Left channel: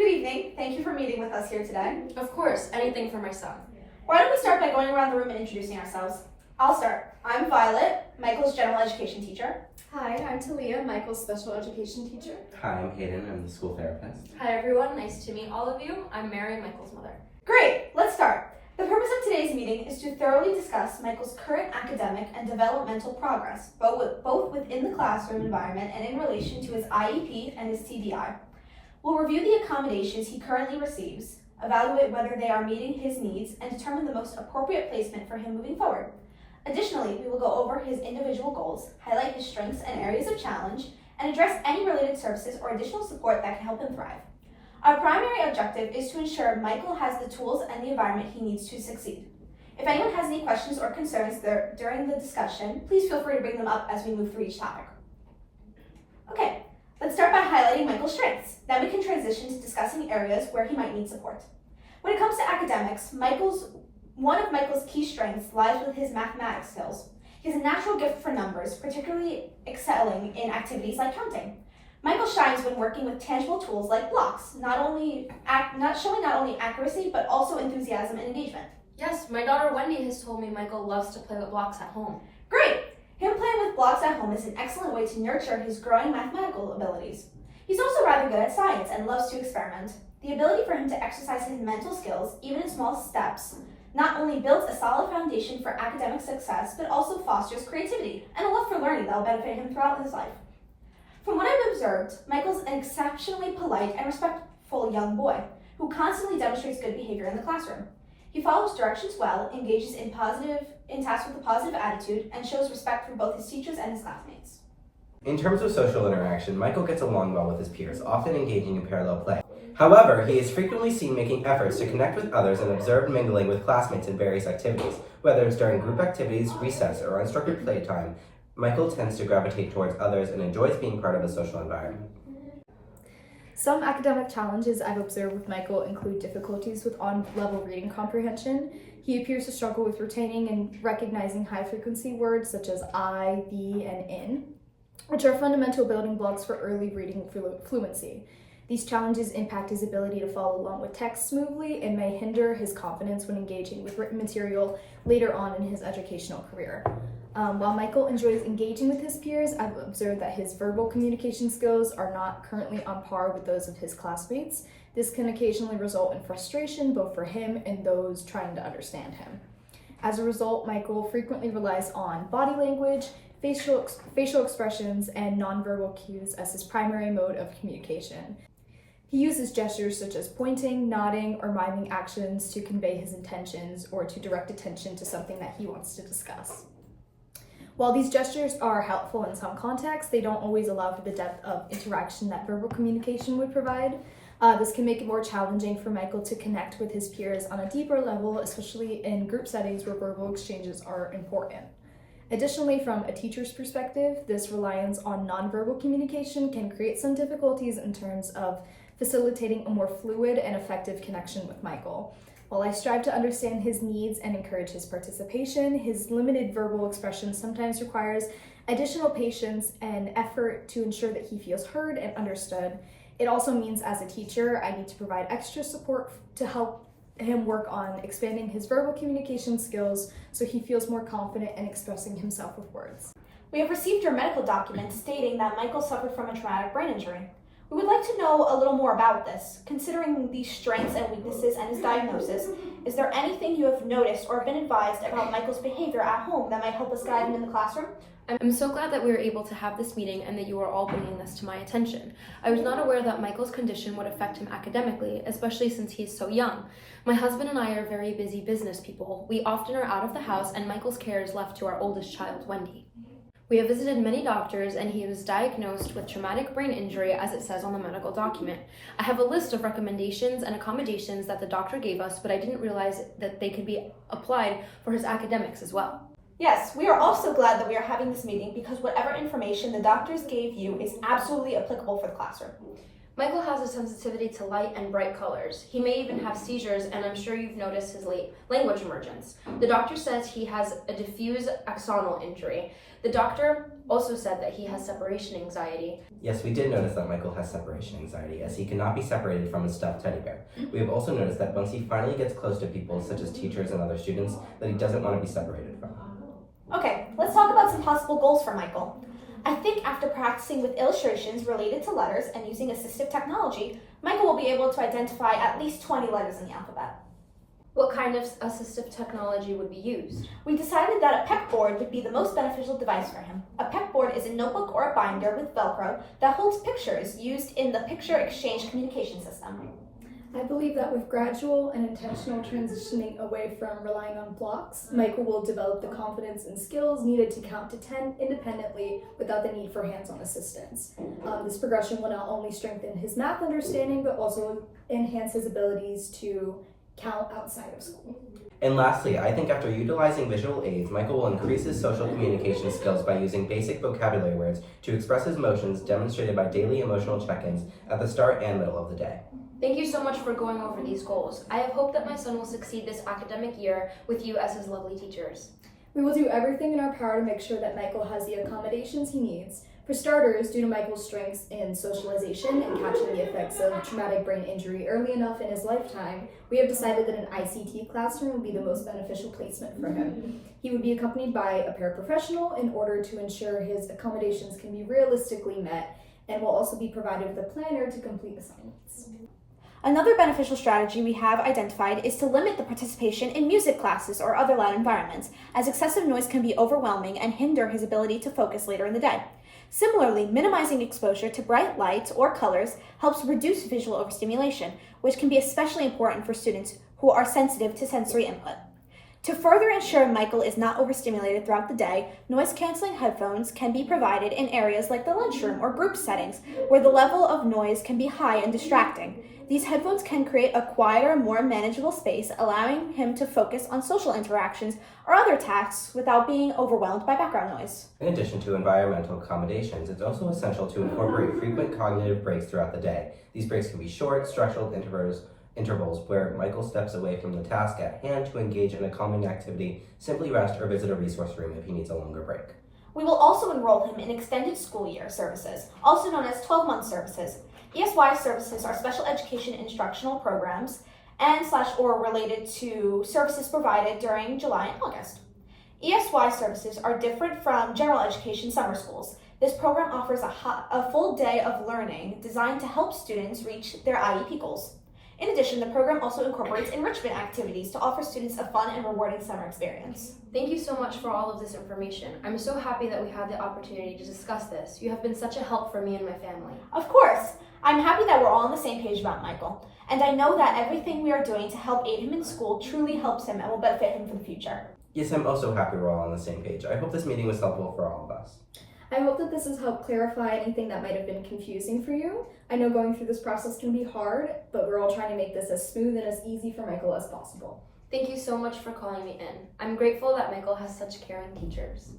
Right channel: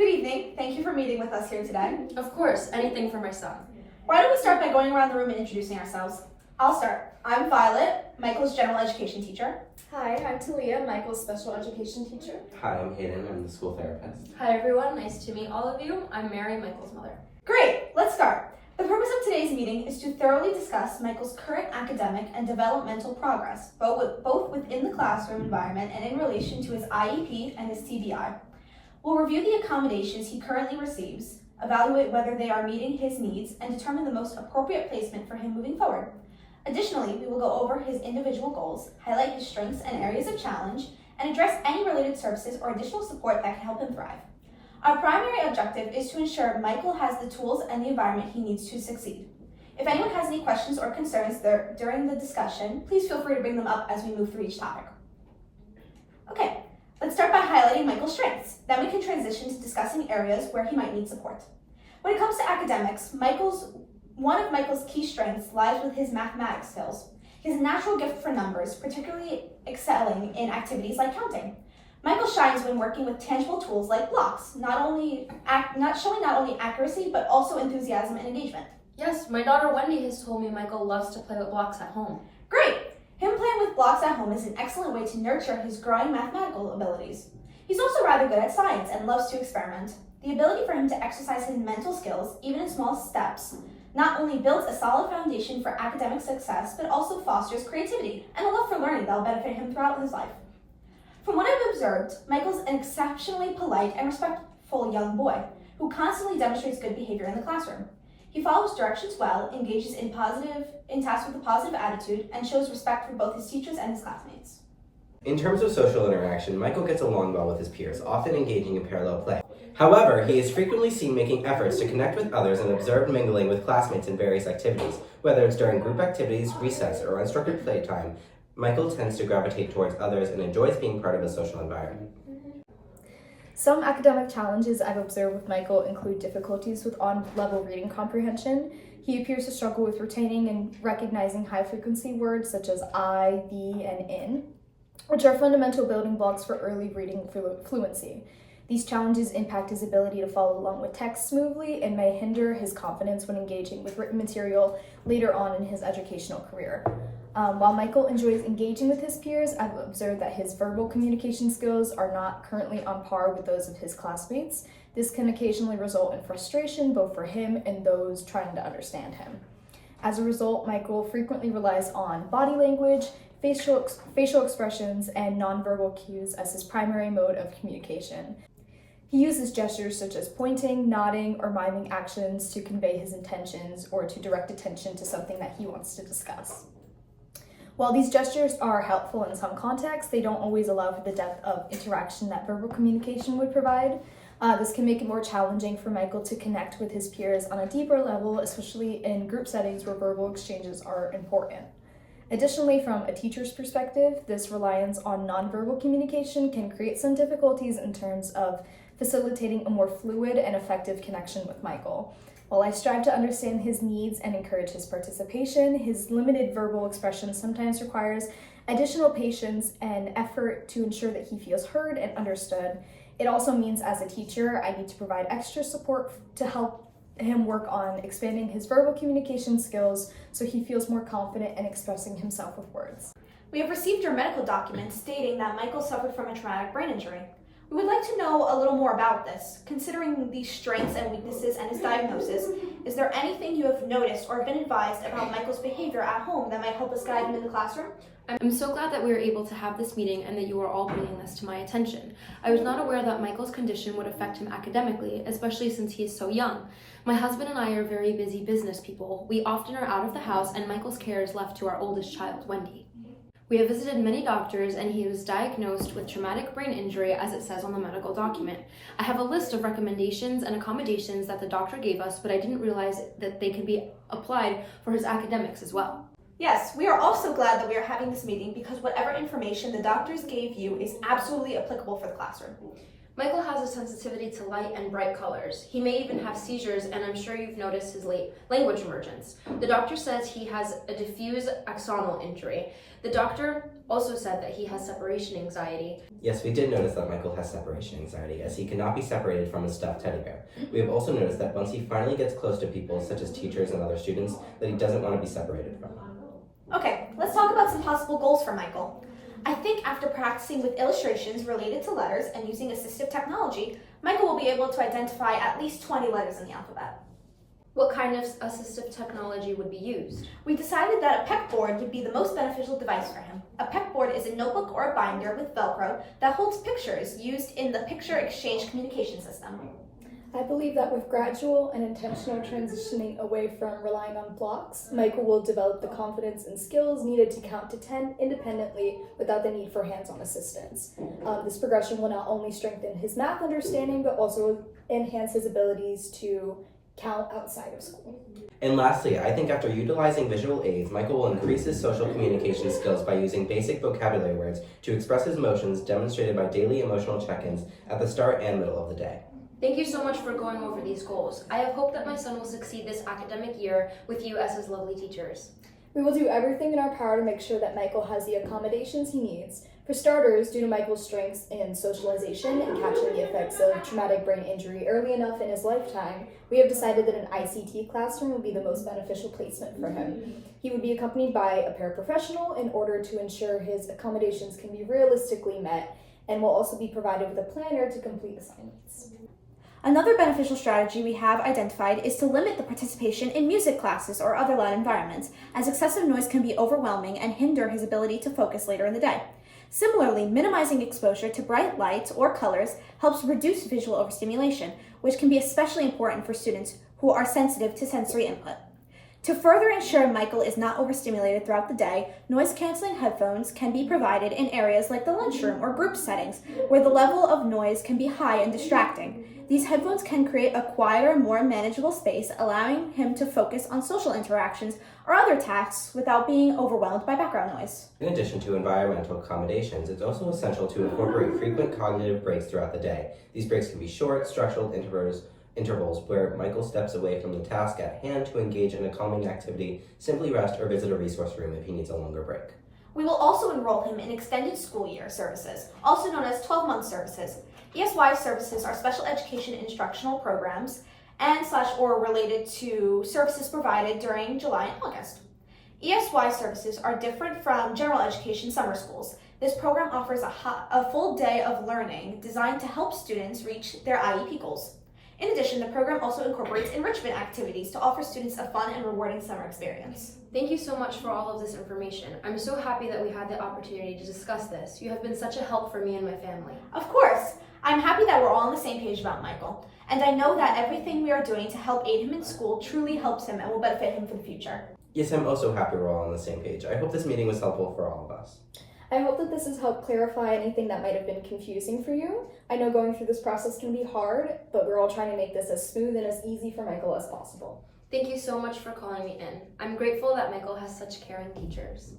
Good evening. Thank you for meeting with us here today. Of course, anything for my son. Why don't we start by going around the room and introducing ourselves? I'll start. I'm Violet, Michael's general education teacher. Hi, I'm Talia, Michael's special education teacher. Hi, I'm Hayden. I'm the school therapist. Hi everyone, nice to meet all of you. I'm Mary, Michael's mother. Great, let's start. The purpose of today's meeting is to thoroughly discuss Michael's current academic and developmental progress, both within the classroom environment and in relation to his IEP and his TBI. We'll review the accommodations he currently receives, evaluate whether they are meeting his needs, and determine the most appropriate placement for him moving forward. Additionally, we will go over his individual goals, highlight his strengths and areas of challenge, and address any related services or additional support that can help him thrive. Our primary objective is to ensure Michael has the tools and the environment he needs to succeed. If anyone has any questions or concerns during the discussion, please feel free to bring them up as we move through each topic. Okay, let's start by highlighting Michael's strengths. Then we can transition to discussing areas where he might need support. When it comes to academics, one of Michael's key strengths lies with his mathematics skills. He has a natural gift for numbers, particularly excelling in activities like counting. Michael shines when working with tangible tools like blocks, not showing not only accuracy, but also enthusiasm and engagement. Yes, my daughter Wendy has told me Michael loves to play with blocks at home. Great! Him playing with blocks at home is an excellent way to nurture his growing mathematical abilities. He's also rather good at science and loves to experiment. The ability for him to exercise his mental skills, even in small steps, not only builds a solid foundation for academic success, but also fosters creativity and a love for learning that will benefit him throughout his life. From what I've observed, Michael's an exceptionally polite and respectful young boy who constantly demonstrates good behavior in the classroom. He follows directions well, engages in tasks with a positive attitude, and shows respect for both his teachers and his classmates. In terms of social interaction, Michael gets along well with his peers, often engaging in parallel play. However, he is frequently seen making efforts to connect with others and observed mingling with classmates in various activities. Whether it's during group activities, recess, or unstructured playtime, Michael tends to gravitate towards others and enjoys being part of a social environment. Some academic challenges I've observed with Michael include difficulties with on-level reading comprehension. He appears to struggle with retaining and recognizing high-frequency words such as I, be, and in, which are fundamental building blocks for early reading fluency. These challenges impact his ability to follow along with text smoothly and may hinder his confidence when engaging with written material later on in his educational career. While Michael enjoys engaging with his peers, I've observed that his verbal communication skills are not currently on par with those of his classmates. This can occasionally result in frustration both for him and those trying to understand him. As a result, Michael frequently relies on body language, facial expressions, and nonverbal cues as his primary mode of communication. He uses gestures such as pointing, nodding, or miming actions to convey his intentions or to direct attention to something that he wants to discuss. While these gestures are helpful in some contexts, they don't always allow for the depth of interaction that verbal communication would provide. This can make it more challenging for Michael to connect with his peers on a deeper level, especially in group settings where verbal exchanges are important. Additionally, from a teacher's perspective, this reliance on nonverbal communication can create some difficulties in terms of facilitating a more fluid and effective connection with Michael. While I strive to understand his needs and encourage his participation, his limited verbal expression sometimes requires additional patience and effort to ensure that he feels heard and understood. It also means as a teacher, I need to provide extra support to help him work on expanding his verbal communication skills so he feels more confident in expressing himself with words. We have received your medical document stating that Michael suffered from a traumatic brain injury. We would like to know a little more about this. Considering these strengths and weaknesses and his diagnosis, is there anything you have noticed or been advised about Michael's behavior at home that might help us guide him in the classroom? I'm so glad that we were able to have this meeting and that you are all bringing this to my attention. I was not aware that Michael's condition would affect him academically, especially since he is so young. My husband and I are very busy business people. We often are out of the house and Michael's care is left to our oldest child, Wendy. We have visited many doctors and he was diagnosed with traumatic brain injury as it says on the medical document. I have a list of recommendations and accommodations that the doctor gave us, but I didn't realize that they could be applied for his academics as well. Yes, we are also glad that we are having this meeting because whatever information the doctors gave you is absolutely applicable for the classroom. Michael has a sensitivity to light and bright colors. He may even have seizures, and I'm sure you've noticed his late language emergence. The doctor says he has a diffuse axonal injury. The doctor also said that he has separation anxiety. Yes, we did notice that Michael has separation anxiety, as he cannot be separated from his stuffed teddy bear. We have also noticed that once he finally gets close to people, such as teachers and other students, that he doesn't want to be separated from them. Okay, let's talk about some possible goals for Michael. I think after practicing with illustrations related to letters and using assistive technology, Michael will be able to identify at least 20 letters in the alphabet. What kind of assistive technology would be used? We decided that a pegboard would be the most beneficial device for him. A pegboard is a notebook or a binder with Velcro that holds pictures used in the picture exchange communication system. I believe that with gradual and intentional transitioning away from relying on blocks, Michael will develop the confidence and skills needed to count to 10 independently without the need for hands-on assistance. This progression will not only strengthen his math understanding, but also enhance his abilities to count outside of school. And lastly, I think after utilizing visual aids, Michael will increase his social communication skills by using basic vocabulary words to express his emotions, demonstrated by daily emotional check-ins at the start and middle of the day. Thank you so much for going over these goals. I have hope that my son will succeed this academic year with you as his lovely teachers. We will do everything in our power to make sure that Michael has the accommodations he needs. For starters, due to Michael's strengths in socialization and catching the effects of traumatic brain injury early enough in his lifetime, we have decided that an ICT classroom would be the most beneficial placement for him. He would be accompanied by a paraprofessional in order to ensure his accommodations can be realistically met, and will also be provided with a planner to complete assignments. Another beneficial strategy we have identified is to limit the participation in music classes or other loud environments, as excessive noise can be overwhelming and hinder his ability to focus later in the day. Similarly, minimizing exposure to bright lights or colors helps reduce visual overstimulation, which can be especially important for students who are sensitive to sensory input. To further ensure Michael is not overstimulated throughout the day, noise-canceling headphones can be provided in areas like the lunchroom or group settings, where the level of noise can be high and distracting. These headphones can create a quieter, more manageable space, allowing him to focus on social interactions or other tasks without being overwhelmed by background noise. In addition to environmental accommodations, it's also essential to incorporate frequent cognitive breaks throughout the day. These breaks can be short, structured intervals where Michael steps away from the task at hand to engage in a calming activity, simply rest, or visit a resource room if he needs a longer break. We will also enroll him in extended school year services, also known as 12-month services. ESY services are special education instructional programs or related to services provided during July and August. ESY services are different from general education summer schools. This program offers a full day of learning designed to help students reach their IEP goals. In addition, the program also incorporates enrichment activities to offer students a fun and rewarding summer experience. Thank you so much for all of this information. I'm so happy that we had the opportunity to discuss this. You have been such a help for me and my family. Of course! I'm happy that we're all on the same page about Michael, and I know that everything we are doing to help aid him in school truly helps him and will benefit him for the future. Yes, I'm also happy we're all on the same page. I hope this meeting was helpful for all of us. I hope that this has helped clarify anything that might have been confusing for you. I know going through this process can be hard, but we're all trying to make this as smooth and as easy for Michael as possible. Thank you so much for calling me in. I'm grateful that Michael has such caring teachers.